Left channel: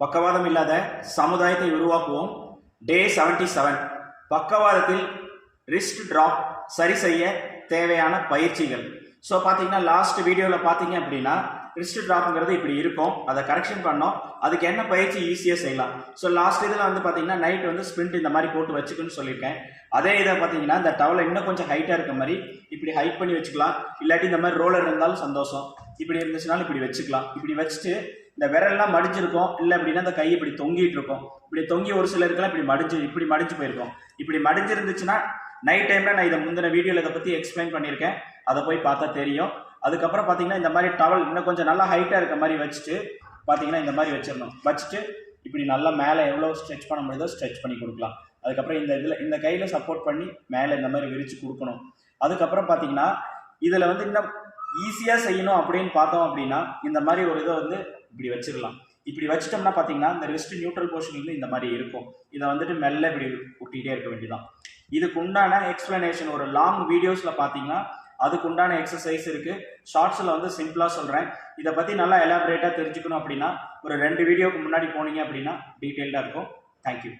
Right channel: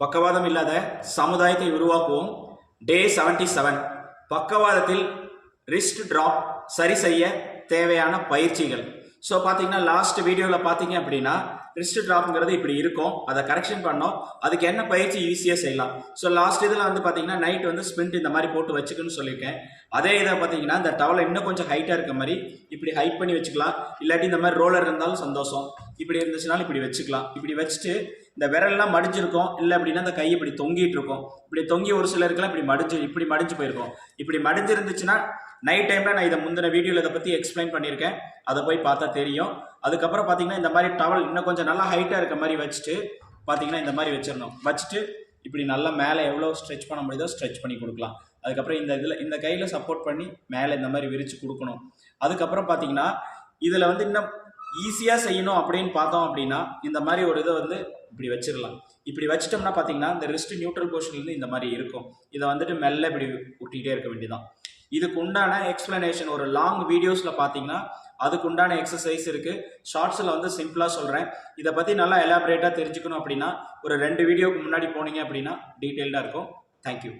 பக்கவாதம் இல்லாத சமுதாயத்தை உருவாக்குவோம். டே 77 செவன் பக்கவாதத்தில் ரிஸ்க் ட்ராப் சரி செய்ய தேவையான பயிற்சிகள். ஸோ பார்த்தீங்கன்னா லாஸ்ட் வீடியோவில் பார்த்தீங்க அப்படின்னா ரிஸ்க் ட்ராப்ங்கிறது இப்படி இருக்கும். அதை கரெக்ஷன் பண்ணோம். அதுக்கு என்ன பயிற்சி? ஈஸியாக செய்யலாம். ஸோ லாஸ்ட் இதில் வந்து பார்த்தீங்கன்னா நைட் வந்து ஸ்பிரிண்ட் இந்த மாதிரி போட்டு வச்சுக்கணும்னு சொல்லியிருக்கேன். அதே இதை பார்த்தீங்கன்னா இந்த டவலை இன்னும் கொஞ்சம் ஹைட்டாக இருக்க மாதிரி இப்படி ஹைட் பண்ணி வச்சுக்கலாம். இல்லாட்டி இந்த மாதிரி ரோலர் இருந்தாலும் சந்தோஷம். இப்படி இருந்துச்சுனாலும் இப்படி வச்சுக்கலாம். இப்படி வச்சுட்டு இந்த விரல்லாம் மடிஞ்சிருக்கும். இல்லை அப்படின்னா இந்த கை இப்படி தொங்கிட்டு இருக்கும் இப்படி தொங்கி ஒரு சிலருக்குலாம் இப்படி மடிஞ்சு இப்படி மடிஞ்சு போயிருக்கும். இப்படி மடிஞ்சிருந்துச்சுன்னா நைட் டைமில் நான் இதை முந்தின வீடியோவில் இதை பற்றி எக்ஸ்பிளைன் பண்ணியிருக்கேன். அதை போய் பார்த்தா தெரியும். அதுக்கப்புறம் பார்த்தீங்கன்னா இந்த மாதிரி டவல் இன்னும் கொஞ்சம் நல்லா ஹைட்டாக இருக்க மாதிரி வச்சுட்டு பார்த்தீங்கன்னா இந்த மாதிரி வச்சிடணும். வச்சுட்டு இப்படி நல்லா மேலே எவ்வளோ ஸ்ட்ரெச் பண்ண முடியுதோ ஸ்ட்ரெச் பண்ணி கொடுக்கலாம். அதுக்கப்புறம் இந்த இதில் இந்த கையில் சப்போர்ட் பண்ணி மேலே இந்த மாதிரி விரித்து கொடுக்கணும். அதுக்கப்புறம் பார்த்தீங்கன்னா இதில் வந்து இன்னும் ஈஸியாக செய்யணும் அப்படின்னு பார்த்தோம் அப்படின்னா இந்த மாதிரி ஒரு இதை வந்து இப்படி வச்சிடலாம். இப்படி வச்சிட்டோம்னா பார்த்தீங்கன்னா இந்த ரிஸ்ட் நியூட்ரல் போர்ஷன்லேருந்து இந்த மாதிரி இருக்கும். இதை வந்துட்டு மெல்ல இப்படி ஒட்டிகிட்டே இருக்க வேண்டியதான் இதுக்கு உண்டான எக்ஸ்ப்ளனேஷன் ஒரு லாங் வீடியோஸில் பார்த்தீங்கன்னா அதுக்குண்டான எக்ஸசைஸ் இருக்குது ஷார்ட்ஸில் வந்து சிம்பிளாக சொல்கிறேன் இதை பற்றி நல்லா எலாபரேட்டாக தெரிஞ்சுக்கணும் அப்படின்னா ஒரு ரெண்டு வீடியோக்கு முன்னாடி போனீங்க அப்படின்னா டீட்டெயில்டாக இருக்கும். தேங்க்யூ